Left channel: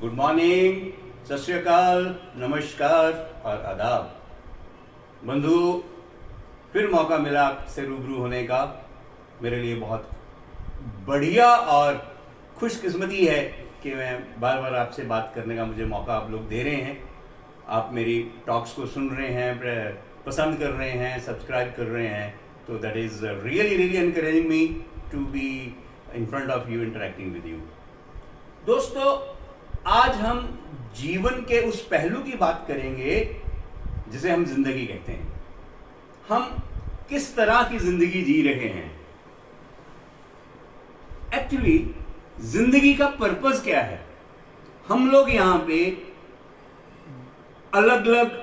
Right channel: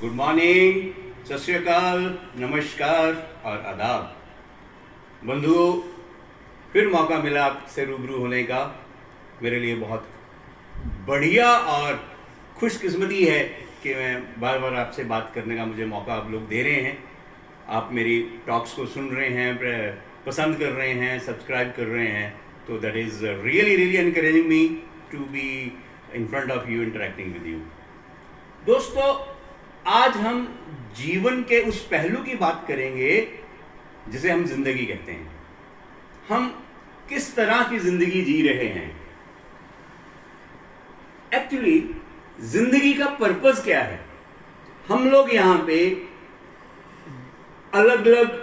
Good morning, सत श्री अकाल, नमस्कार और आदाब। बंधुओं, फिर मौका मिला आपसे रूबरू होने का। मेरे लिए बहुत बढ़िया और खुशकिस्मती है कि मैं बार बार आपसे बात करने का मुझे मौका आप लोग दे रहे हैं। आप मेरी टॉक्स को सुन रहे हैं, पसंद कर रहे हैं, सब्सक्राइब कर रहे हैं, तो that is really really encouraging me to be in front of you, interacting with you. दोस्तों, आज हम जीवन के उस पहलू की बात करेंगे जिसे हम जिंदगी कहते हैं। हम किस तरह की जिंदगी जी रहे हैं, एक्चुअली जिंदगी का पर्पस क्या है। हम लोग यहां पे अलग अलग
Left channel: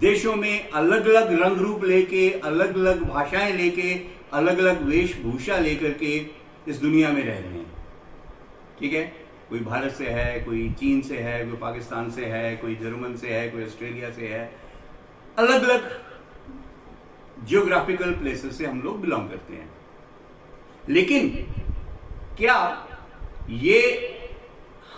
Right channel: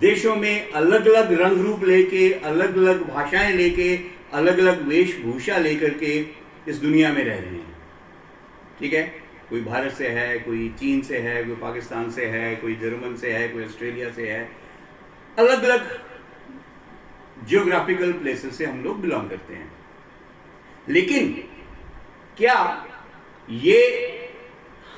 देशों में अलग अलग रंग रूप लेके, अलग अलग भाषाएं लेके, अलग अलग वेशभूषा लेकर के इस दुनिया में रह रहे हैं। ठीक है, कोई भारत से है, कोई चीन से है, कोई पाकिस्तान से है, कोई जर्मन से है, कोई ऑस्ट्रेलिया से है। अलग अलग जियोग्राफिकल प्लेसेस से हम लोग बिलोंग करते हैं। लेकिन क्या ये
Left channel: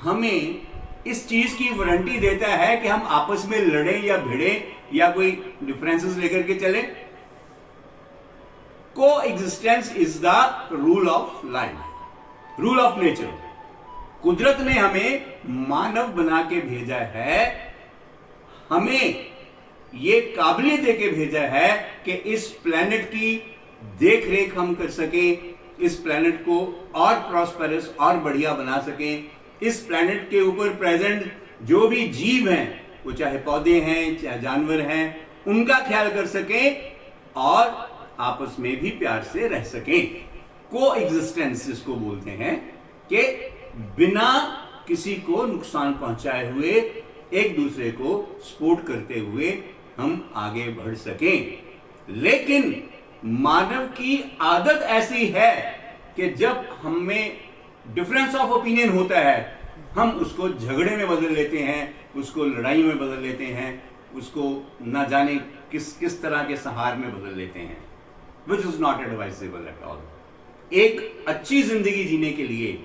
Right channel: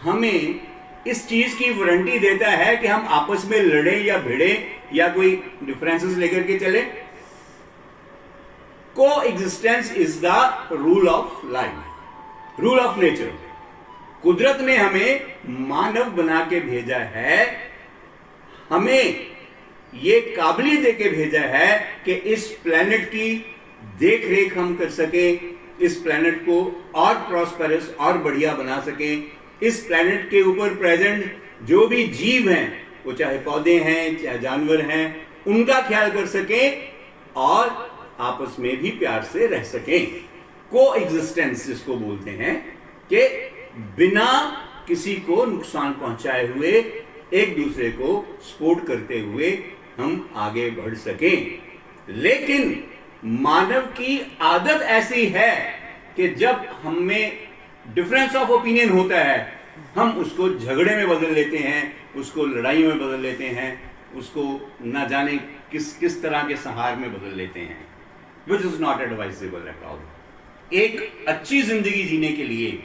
हमें इस चीज की वारंटी देता है कि हम आपस में लड़े या भिड़े या कोई डिफरेंसेस लेकर के चले? को existence is the rule of life, rule of nature. कुदरत ने हमें मानव बना के भेजा है, हमें ये काबिलियत दे के भेजा है कि इस प्लेनेट की देख रेख हम कर सकें, इस प्लेनेट को और प्रॉस्पेरस और बढ़िया बना सकें। इस प्लेनेट के ऊपर प्रेजेंट जो भी जीव हैं, वो चाहे पौधे हैं चाहे जानवर हैं, उनका ख्याल कर सकें और आपस में भी प्यार से रह सकें। को एग्जिस्टेंस जिसको बोलते हैं कि बिना किसी को नुकसान पहुंचाए हुए एक दूसरे को सपोर्ट करते हुए हम आगे बढ़ सकें। लेकिन मानव की आदत ऐसी है कि जब हमें डिफरेंस ऑफ ओपिनियन होता है, हम उसको झगड़े में बदल लेते हैं, उसको लड़ाई में बदल लेते हैं, उसको ना जाने किस किस तरह के संहार में बदल लेते हैं, which is not advisable at all. एक अच्छी जिंदगी जीने के लिए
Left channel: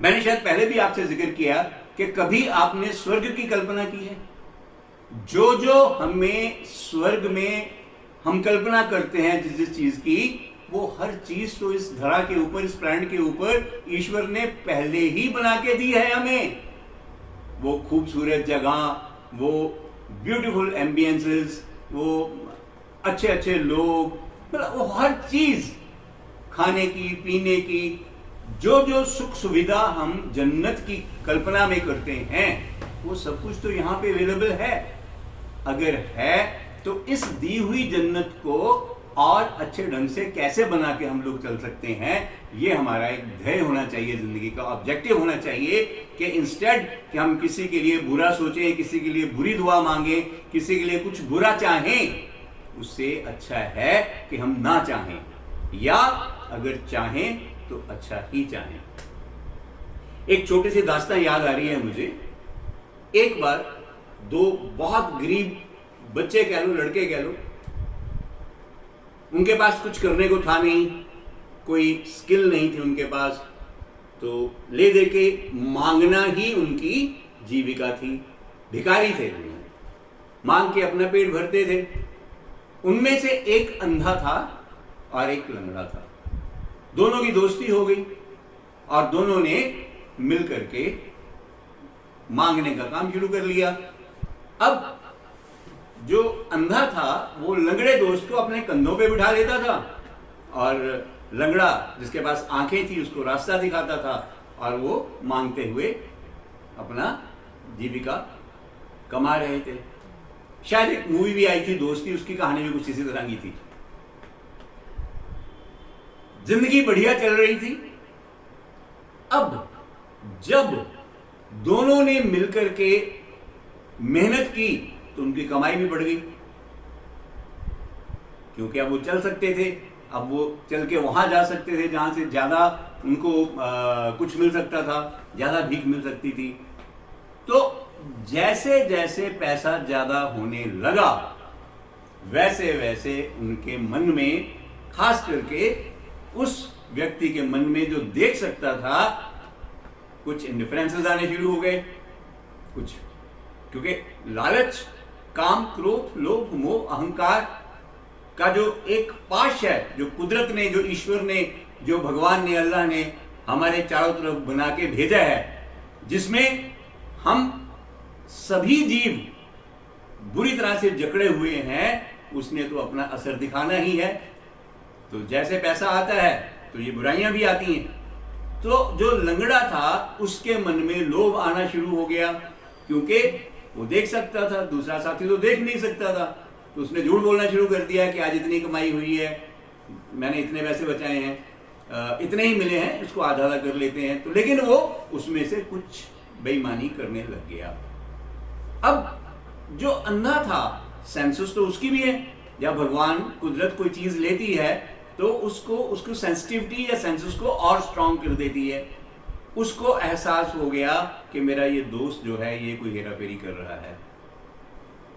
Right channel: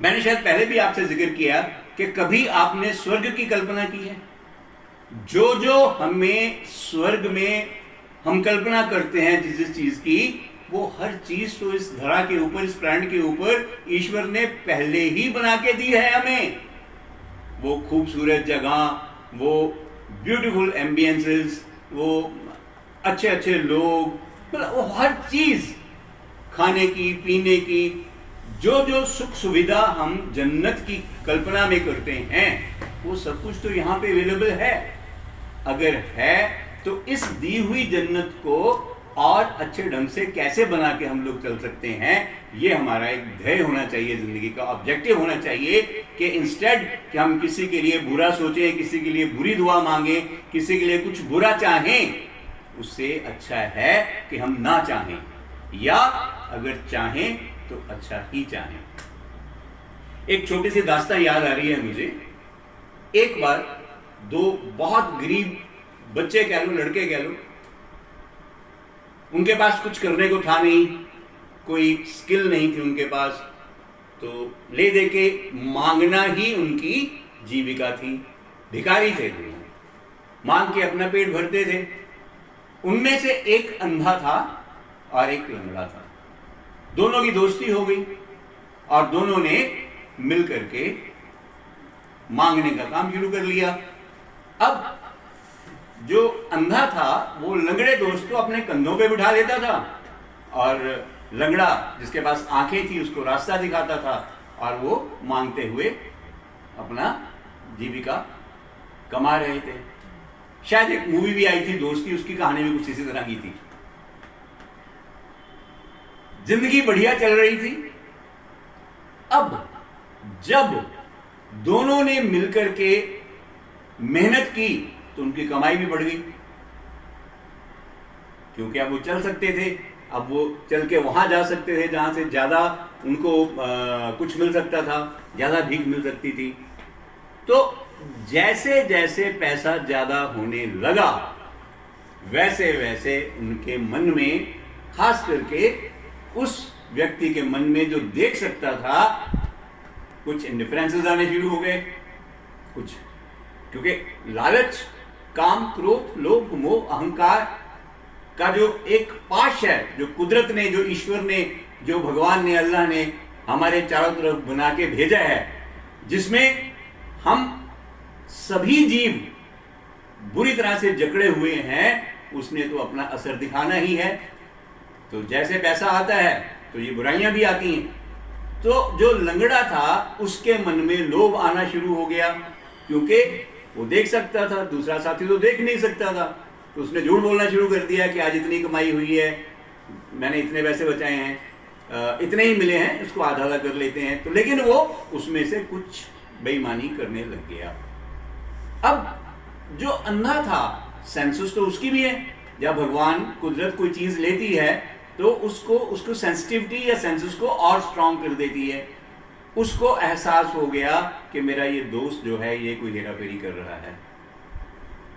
मैंने शायद पहले भी आपसे जिक्र किया कि कभी आपने स्वर्ग की कल्पना की है? जो जो हमें स्वर्ग में हम कल्पना करते हैं जिस जिस चीज की, वो हर चीज तो इस धरा के ऊपर, इस प्लैनेट के ऊपर ईश्वर ने पहले ही बना के दी है हमें। वो खूबसूरत जगह, वो ब्यूटीफुल एम्बियंसेस, वो अच्छे अच्छे लोग, मतलब वो हर चीज, खाने की, पीने की, जो जो सुख सुविधा हम जन्नत की कल्पना में करते हैं, वो सब कुछ तो यहाँ पे अवेलेबल है। अगर है तो इस दी हुई जन्नत को और अच्छे ढंग से कैसे बना के हम लोग चल सकते हैं, ये हमारा एक ध्येय होना चाहिए, जिंदगी का ऑब्जेक्टिव होना चाहिए। कि इंस्टेड कि हम किसी के लिए बुरा सोचें, किसी के लिए बुरी दुआ मांगे, किसी के लिए कुछ बुरा चाहें, उससे अच्छा है कि हम ना चाहें, या अगर चाहें तो अच्छा ही चाहें। एक छोटी सी दास्तान याद आ रही है मुझे। एक बार दो बहुत गरीब बच्चे कह लो, लड़के कह लो, उनके पास कुछ करने को था नहीं, कोई स्किल नहीं थी उनके पास, तो ले दे के मांगना ही उनकी जीविका थी। भिखारी थे, मांग के अपना पेट भरते थे। उनमें से एक अंधा था और एक लंगड़ा था। दोनों की दोस्ती हो गई और दोनों ने मिल करके मांगने का काम शुरू कर लिया। अब जो अंधा था वो लंगड़े दोस्त को अपने कंधों पे बिठा लेता था, और लंगड़ा जिसके पास आंखें थी उसको रास्ता दिखाता था, और वो मांगते हुए अपना जीविका कमा रहे थे। शायद एक मूवी भी आई थी दोस्ती, उसकी कहानी भी कुछ इसी तरह की थी। जिंदगी बढ़िया चल रही थी। अब जब दोनों ने मिलकर के मेहनत की तो उनकी कमाई भी बढ़ गई, क्योंकि अब वो चल सकते थे। अब वो चल के वहां जा सकते थे जहां से ज्यादा उनको कुछ मिल सकता था, ज्यादा भीख मिल सकती थी। तो जैसे जैसे पैसा ज्यादा होने लगा, वैसे वैसे उनके मन में, खास करके उस व्यक्ति के मन में जो देख सकता था कुछ इंडिफरेंसेस आने शुरू हो गए, कुछ क्योंकि लालच, काम, क्रोध, लोभ, मोह, अहंकार का जो एक पाश है, जो कुदरत ने, जो ईश्वर ने, जो भगवान ने, अल्लाह ने हमारे चारों तरफ बना के भेजा है, जिसमें हम सभी जीव बुरी तरह से जकड़े हुए हैं, उसने तो अपना असर दिखाना ही है। तो जैसे पैसा आता है तो ये बुराइयां भी आती हैं। तो जो लंगड़ा था उसके मन में लोभ आना शुरू हो गया, क्योंकि वो देख सकता था, दूसरा साथी तो देख नहीं सकता था। तो उसने झूठ बोलना शुरू कर दिया कि आज इतनी कमाई हुई है, मैंने इतने पैसे बचाए हैं, इतने ही मिले हैं, इसको आधा आधा कर लेते हैं। तो लेकिन वो उसमें से कुछ बेईमानी करने लग गया। अब जो अंधा था, सेंसस तो उसकी भी है। जब भगवान कुदरत कोई चीज लेती है तो उसको सेंसिटिविटी या सेंसस को और स्ट्रांग कर देती है। उसको एहसास हो गया कि मेरा ये दोस्त जो है ये कोई हेराफेरी कर रहा है।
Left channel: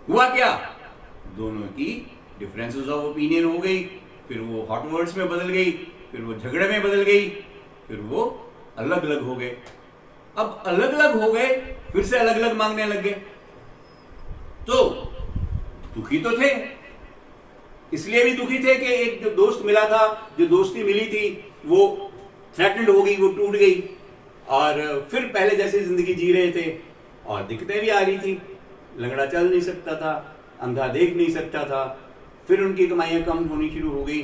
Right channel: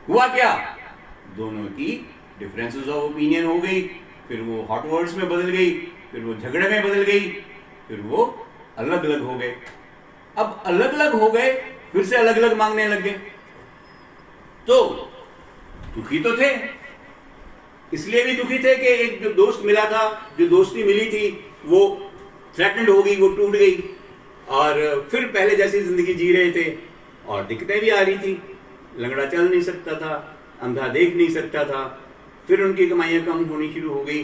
हुआ क्या, दोनों की डिफरेंसेस ऑफ ओपिनियन हो गई, फिर वो हॉट वर्ड्स में बदल गई, फिर वो झगड़े में बदल गई, फिर वो अलग अलग हो गए। अब अलग अलग हो गए, फिर से अलग अलग मांगने लग गए। तो दुखी तो थे, इसलिए भी दुखी थे कि एक जो दोस्त मिला था, जो दोस्ती मिली थी, वो थ्रेटन्ड हो गई, वो टूट गई। और फिर पहले जैसी जिंदगी जी रहे थे और दिक्कतें भी आ रही थी। लंगड़ा चल नहीं सकता था, अंधा देख नहीं सकता था, फिर उनकी कमाइयां कम होनी शुरू हो गई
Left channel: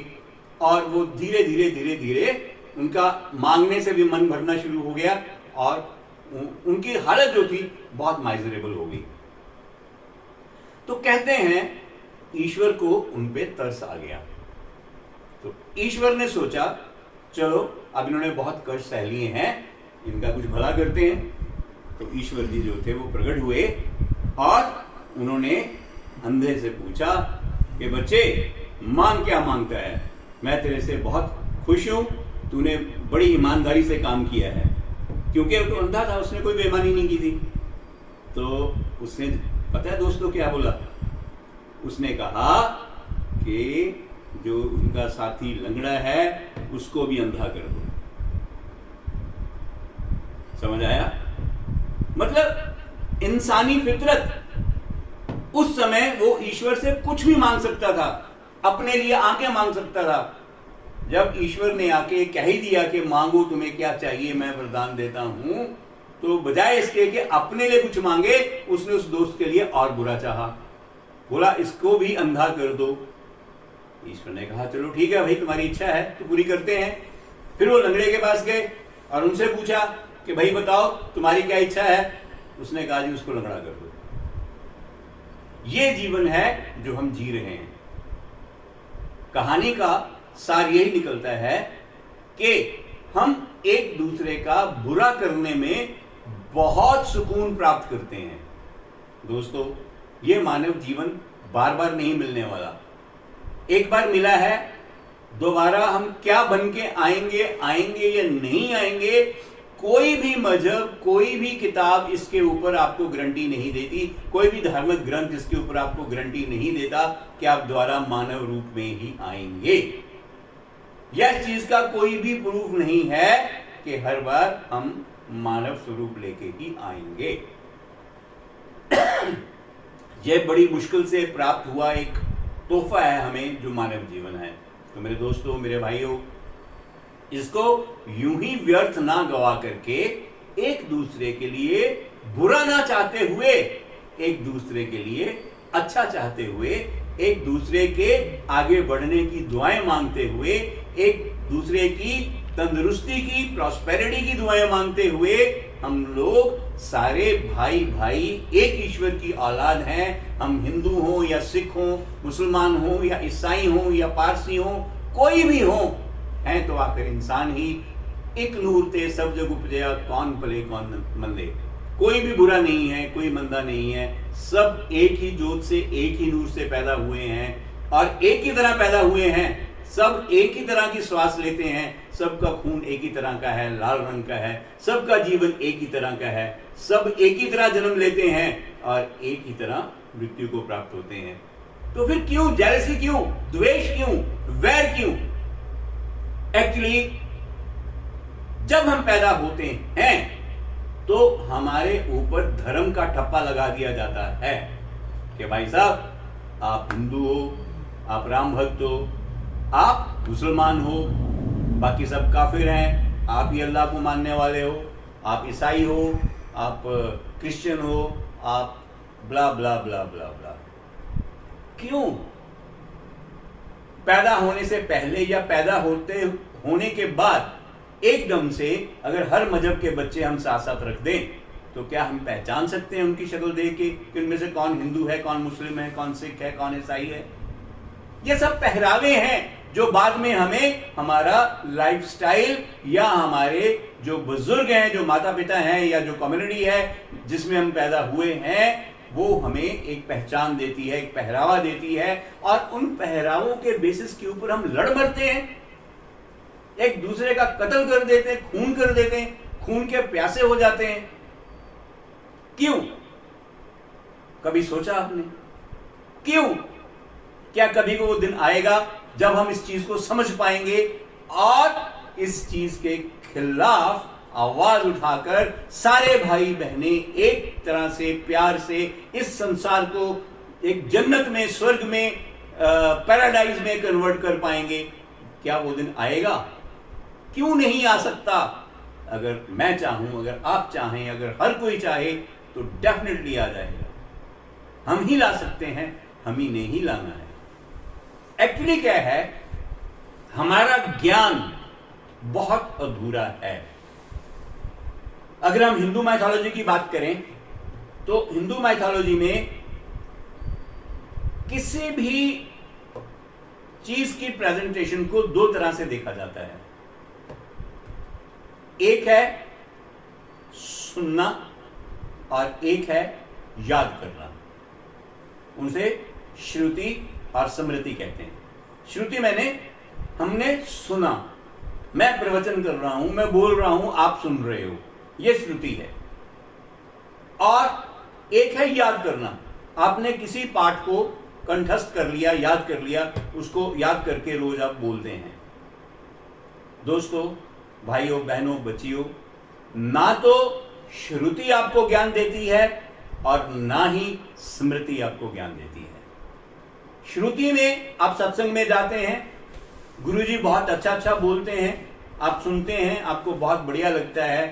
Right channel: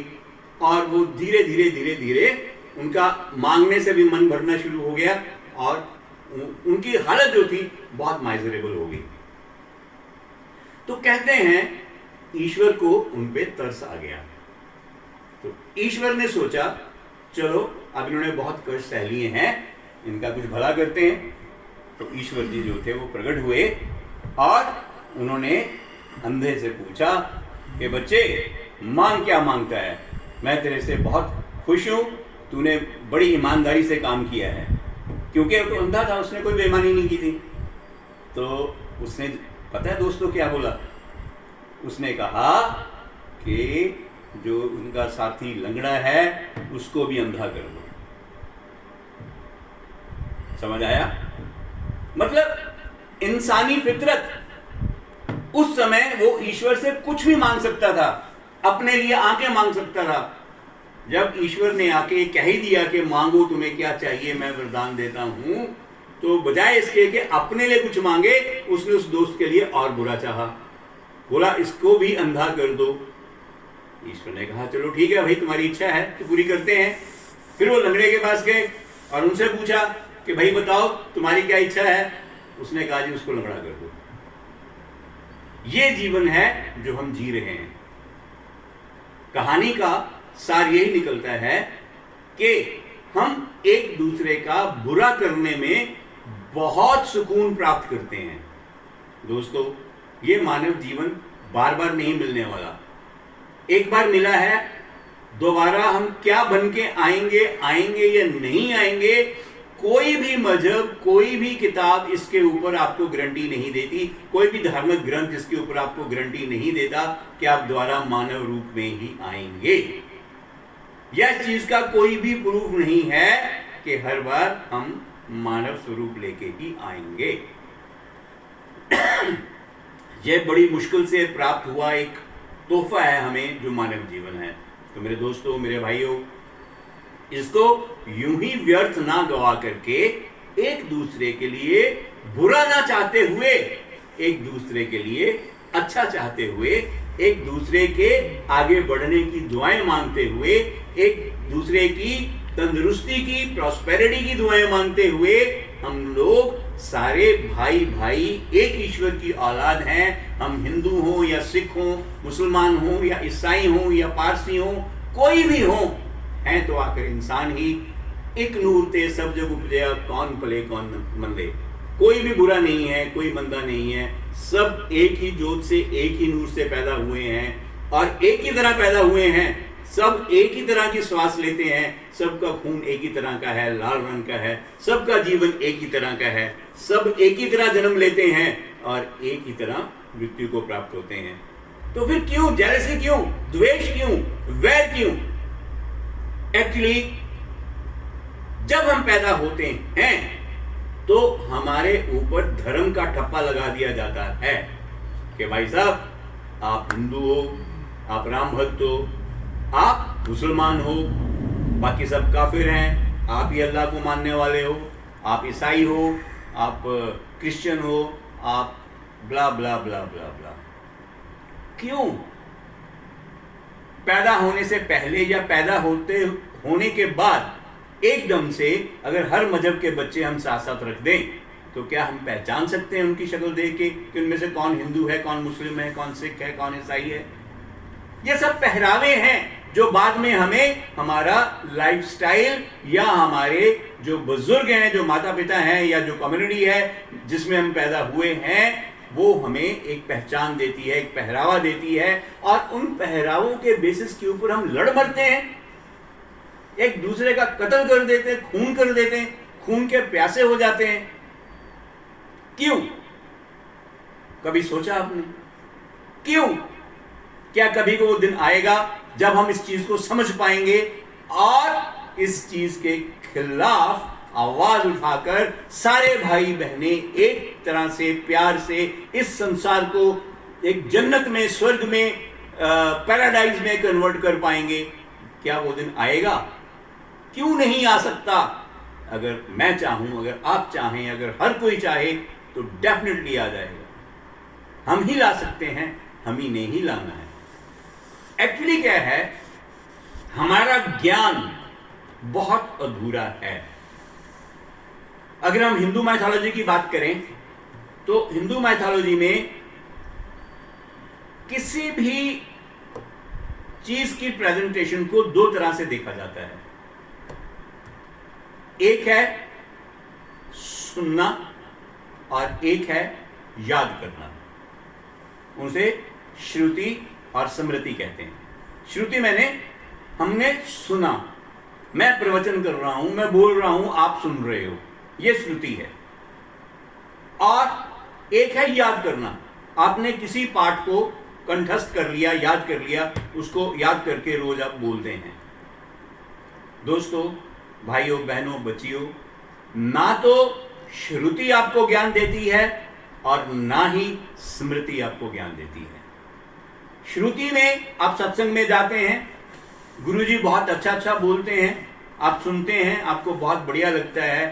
और वो धीरे धीरे धीरे धीरे उनका मांगने से भी मन भरना शुरू हो गया और उनकी हालत जो थी बहुत माइजरेबल हो गई। तो कहते हैं ईश्वर को उन पे तरस आ गया। तो ईश्वर ने सोचा चलो अब इन्होंने बहुत कष्ट सह लिए हैं, इनका कुछ भला करते हैं। तो ईश्वर जी जो थे वो प्रकट हुए और उन्होंने अंधे से पूछा कि बच्चे मांग क्या मांगता है, मैं तेरे से बहुत खुश हूं, तूने बड़ी ईमानदारी से काम किया है। क्योंकि तो अंधा था, उसने कोई बेईमानी नहीं की थी। तो उसने पता है दोस्तों क्या बोला, उसने कहा कि जो उनका साथी लंगड़ा है उसको भी अंधा कर दो। समझ आया? मतलब इंसानी फितरत, उस समय वो ईश्वर से कुछ भी मांग सकता था, अपने लिए आंखें मांग सकता था। जब ईश्वर ने आके कह ही दिया कि मांगो तुम्हें क्या चाहिए मैं वरदान देता हूं, तो बजाय इसके कि अपने लिए कुछ मांगे, उसने उस दोस्त के लिए और बुरा चाहा, बोला इसको भी अंधा कर दो। ईश्वर ने कहा चलो ठीक है भाई, तुम्हारी इच्छा है तो पूरी करते हैं। फिर वो लंगड़े के पास गए और उनसे पूछा कि भाई बताओ तुम्हारी क्या इच्छा है। उसने कहा जी उसको लंगड़ा कर दो। ये जीवन है जो हम जी रहे हैं। कहानी का सार यही निकलता है कि हम एक दूसरे का बुरा करने में बहुत सुकून प्राप्त करते हैं। दोस्तों ये मानव जीवन बार बार नहीं मिलने वाला, एक बार मिला है, दोबारा हम क्या बन के आएंगे या नहीं आएंगे, कोई भी मजहब, कोई भी किताब इसके ऊपर आपको गारंटी नहीं देती, कोई भी धार्मिक ग्रंथ इसके ऊपर आपको गारंटी नहीं देता कि आप दोबारा मानव रूप में ही आएंगे। यह चीज का कोई भी प्रूफ नहीं है कि हर बार हम मानव स्वरूप लेके ही आएंगे। यह बड़ी मुश्किल से प्राप्त हुआ एक तोहफा है हमें जो मानव जीवन है। तो मेरे दोस्तों, मेरे भाइयों, इसको यूं ही व्यर्थ ना गवा करके, एक दूसरे के लिए बुरा ना चाहते हुए, एक दूसरे के लिए अच्छा चाहते हुए, एक दूसरे के आगे बढ़ने की दुआएं मांगते हुए, एक दूसरे की तंदुरुस्ती की, प्रॉस्पेरिटी की दुआएं मांगते हुए, हम लोग सारे भाई भाई एक ईश्वर की औलाद हैं। हम हिंदू हों या सिख हों, मुसलमान हों या ईसाई हों या पारसी हों, कोई भी हों, हैं तो आखिर इंसान ही। एक नूर ते सब जग उपजया, कौन भले कौन मंदे। कोई भी बुरा नहीं है, कोई मंदा नहीं है, सब एक ही जोत से, एक ही नूर से पैदा हुए हैं और एक ही तरह पैदा हुए हैं। सब एक ही तरह की श्वास लेते हैं, सबका खून एक ही तरह का है, लाल रंग का है, सबका जीवन एक ही तरह का है, सब एक ही तरह जन्म लेते हैं और एक ही तरह मृत्यु को प्राप्त होते हैं। तो फिर क्यों जेलसी, क्यों द्वेष, क्यों वैर, क्यों? एक्चुअली जब हम पैदा होते हैं तो हमारे ऊपर धर्म का ठप्पा लगा दिया जाता है कि भाई साहब आप हिंदू हो, आप राम भक्त हो, आप मुसलमान हो, बाकी सब काफिर हैं, आप ही अल्लाह को मानने वाले हो, आप ईसाई हो, आप क्रिश्चियन हो, आप ब्ला ब्ला ब्ला ब्ला ब्ला। क्यों? पैदा होने से पहले या पैदा होने के बाद एकदम से अगर हर मजहब के बच्चे हम साथ साथ रख दें तो क्या हम पहचान सकते हैं उनकी शक्ल देख के कि उनमें से कौन हिंदू है, कौन मुस्लिम है, कौन सिख है, कौन ईसाई है? ये सब पहरावे हैं जो बाद में हमें हमारा लाइफस्टाइल या हमारे जो बुजुर्ग हैं, जो माता पिता हैं या जो कम्युनिटी है जिसमें हम पैदा हुए हैं, वो हमें एक पहचान देती है, एक पहरावा देती है, और उन पहरावों के बेसिस के ऊपर हम लड़ मरते हैं, एक दूसरे का कत्ल कर देते हैं, खून कर देते हैं, खून के प्यासे हो जाते हैं। क्यों? कभी सोचा आपने? क्यों? क्या कभी वो दिन आएगा जब हम इस चीज को समझ पाएंगे और इस चीज के खिलाफ आवाज उठाकर सारे भाई बहनें एक तरह से प्यार से इस संसार को एक जन्नत में, स्वर्ग में, पैराडाइज में कन्वर्ट कर पाएंगे? क्या वो दिन आएगा? क्यों नहीं आ सकता? अगर मैं चाहूं, अगर आप चाहें, अगर हर कोई चाहे तो डेफिनेटली आ जाएगा। हम ही ला सकते हैं, हम ही ने ही लाना है। एक्चुअली क्या है, हमारा ज्ञान बहुत अधूरा है। अगर हम हिंदू माइथोलॉजी की बात करें तो हिंदू माइथोलॉजी में किसी भी चीज की प्रेजेंटेशन को दो तरह से देखा जाता है। एक है सुनना और एक है याद करना। उनसे श्रुति और स्मृति कहते हैं। श्रुति हमने सुना, मैं प्रवचन कर रहा हूं, मैं बोल रहा हूं, आप सुन रहे हो, यह श्रुति है। और एक है याद करना, आपने किसी पाठ को कंठस्थ कर लिया, याद कर लिया, उसको याद करके रोज आप बोलते हैं। दोस्तों, भाइयों, बहनों, बच्चियों, ना तो श्रुति आपको ज्ञान देती है और ना ही स्मृति आपको ज्ञान देती है। श्रुति में आप सत्संग में जाते हैं, गुरुजी बहुत अच्छा अच्छा बोलते हैं, आप सुनते हैं, आपको बहुत बढ़िया लगता है,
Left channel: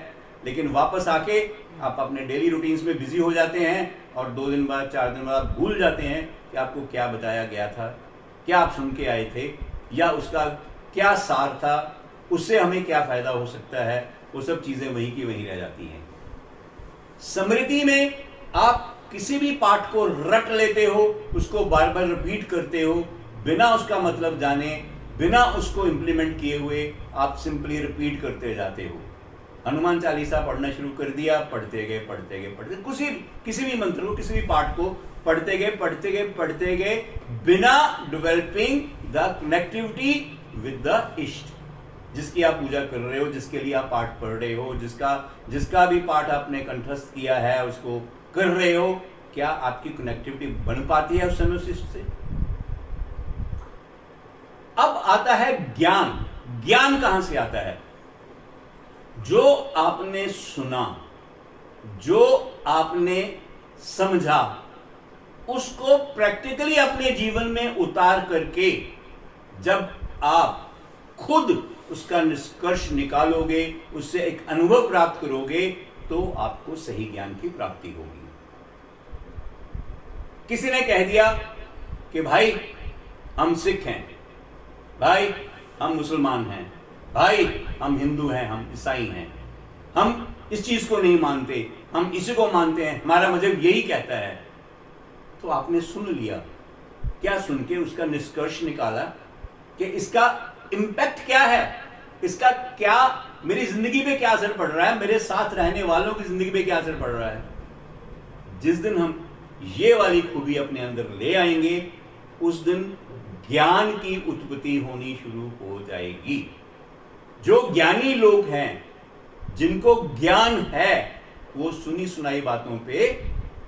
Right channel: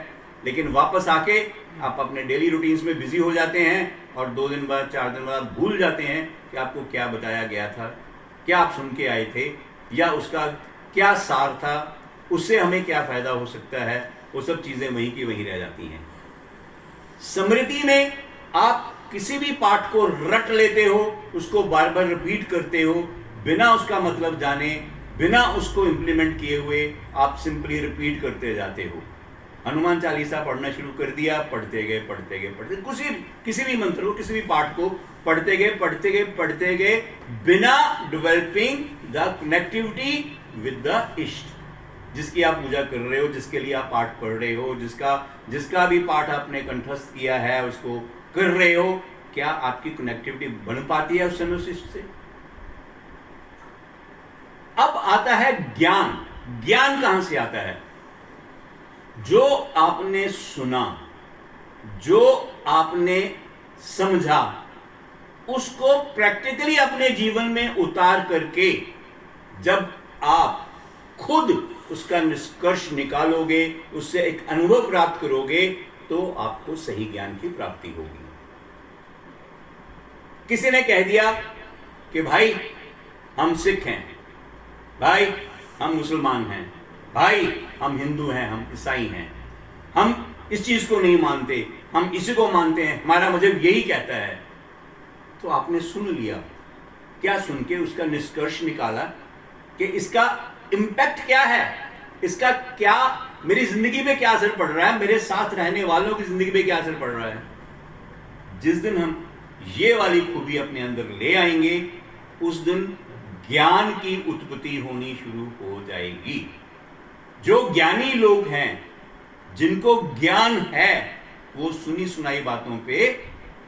लेकिन वापस आके आप अपने डेली रूटीन्स में बिजी हो जाते हैं और 2 दिन बाद, 4 दिन बाद भूल जाते हैं कि आपको क्या बताया गया था, क्या आप सुन के आए थे, या उसका क्या सार था, उससे हमें क्या फायदा हो सकता है। वो सब चीजें वहीं की वहीं रह जाती हैं। स्मृति में आप किसी भी पाठ को रट लेते हो, उसको बार बार रिपीट करते हो, बिना उसका मतलब जाने, बिना उसको इंप्लीमेंट किए हुए आप सिंपली रिपीट करते जाते हो। हनुमान चालीसा पढ़ना शुरू कर दिया, पढ़ते गए, किसी भी मंत्र को, किसी भी पाठ को पढ़ते गए बिना developing the connectivity with the इष्ट, जिसकी आप पूजा कर रहे हो, जिसके लिए आप पाठ पढ़ रहे हो, जिसका भी पाठ आपने कंठस्थ किया है, उसको कर रहे हो, क्या आपकी कनेक्टिविटी बन पाती है उस समय उस इष्ट से? अब आता है ज्ञान। ज्ञान कहां से आता है? जो आपने सुना, जो आपने समझा, उसको प्रैक्टिकली अपने जीवन में उतार करके जब आप खुद उसका निष्कर्ष निकालोगे, उससे एक अनुभव प्राप्त करोगे, तो आपको सही ज्ञान की प्राप्ति होगी। किसी ने कह दिया कि भाई हम सिख हैं, भाई हम मुसलमान हैं, भाई हम हिंदू हैं, हम ईसाई हैं, हम इस चीज को नहीं मानते, हम इसी को मानते हैं, हमारा मजहब यही कहता है। तो आपने सुन लिया, क्या सुन के उसका निष्कर्ष निकाला कि इसका इंपैक्ट क्या है, इसका क्या मेरी जिंदगी पे क्या असर पड़ रहा है, मेरे साथ रहने वालों की जिंदगी पे क्या असर पड़ रहा है? जिस दिन हम ये वाली खूबी अपने अंदर ले आएंगे, उस दिन ज्ञान की उत्पत्ति होनी शुरू हो जाएगी। जो ज्ञानी लोग हैं, जिनको ज्ञान है, वो सुनी सुनाई बातों पे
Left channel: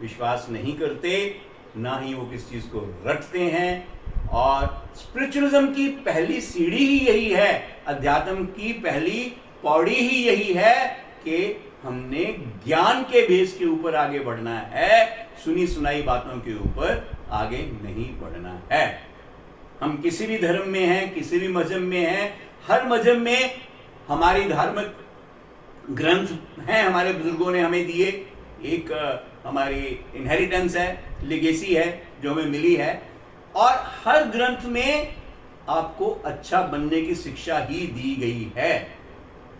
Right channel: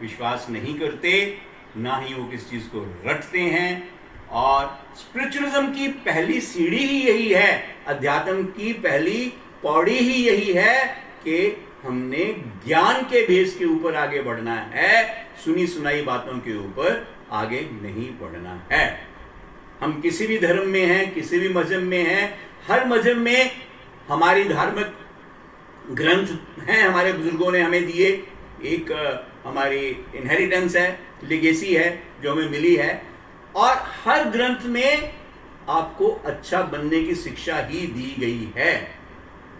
विश्वास नहीं करते, ना ही वो किस चीज को रटते हैं। और स्पिरिचुअलिज्म की पहली सीढ़ी ही यही है, अध्यात्म की पहली पौड़ी ही यही है कि हमने ज्ञान के बेस के ऊपर आगे बढ़ना है, सुनी सुनाई बातों के ऊपर आगे नहीं बढ़ना है। हम किसी भी धर्म में हैं, किसी भी मजहब में हैं, हर मजहब में हमारी धार्मिक ग्रंथ हैं, हमारे बुजुर्गों ने हमें दिए, एक हमारी इनहेरिटेंस है, लेगेसी है जो हमें मिली है, और हर ग्रंथ में आपको अच्छा बनने की शिक्षा ही दी गई है,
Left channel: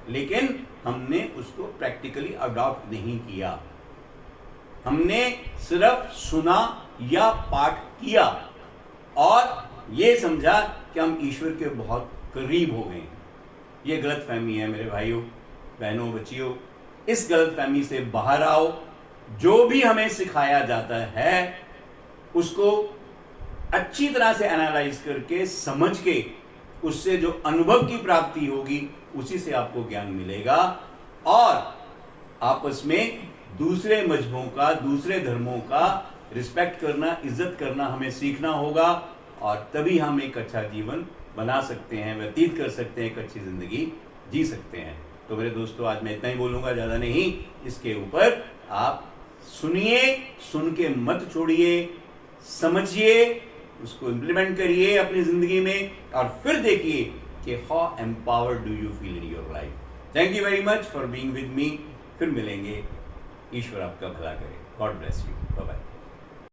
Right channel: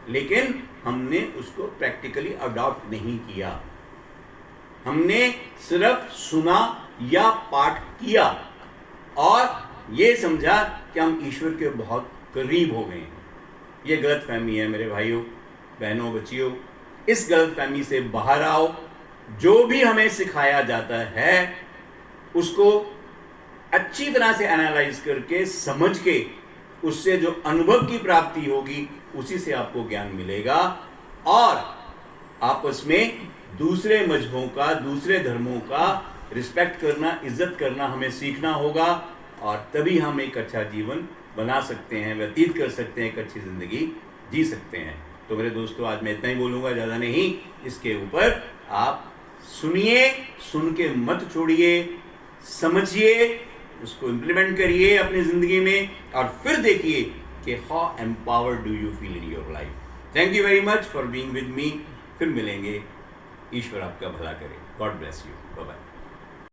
लेकिन हमने उसको प्रैक्टिकली अडॉप्ट नहीं किया। हमने सिर्फ सुना या पाठ किया और ये समझा कि हम ईश्वर के बहुत करीब हो गए हैं। ये गलत फहमी है मेरे भाइयों, बहनों, बच्चियों। इस गलत फहमी से बाहर आओ। जो भी हमें सिखाया जाता है उसको अच्छी तरह से एनालाइज करके, समझ के, उससे जो अनुभव की प्राप्ति होगी उसी से आपको ज्ञान मिलेगा। और आपस में दूसरे मजहबों का, दूसरे धर्मों का रिस्पेक्ट करना, इज्जत करना हमें सीखना होगा, और तभी हम एक अच्छा जीवन बना सकते हैं, व्यतीत कर सकते हैं, एक अच्छी जिंदगी जी सकते हैं। तो मेरे दोस्तों, आज मैं इतना ही बोलूंगा, ज़्यादा नहीं। इसके ऊपर आप सुनिए, सुन के मत छोड़िए, समझिए, उसको इम्प्लीमेंट करिए अपनी ज़िंदगी में, और फिर देखिए कि how empowered do you feel in your life. Thank you very much for being with me. फिर मिलेंगे। ईश्वर आपका भला करे। God bless you. Bye bye.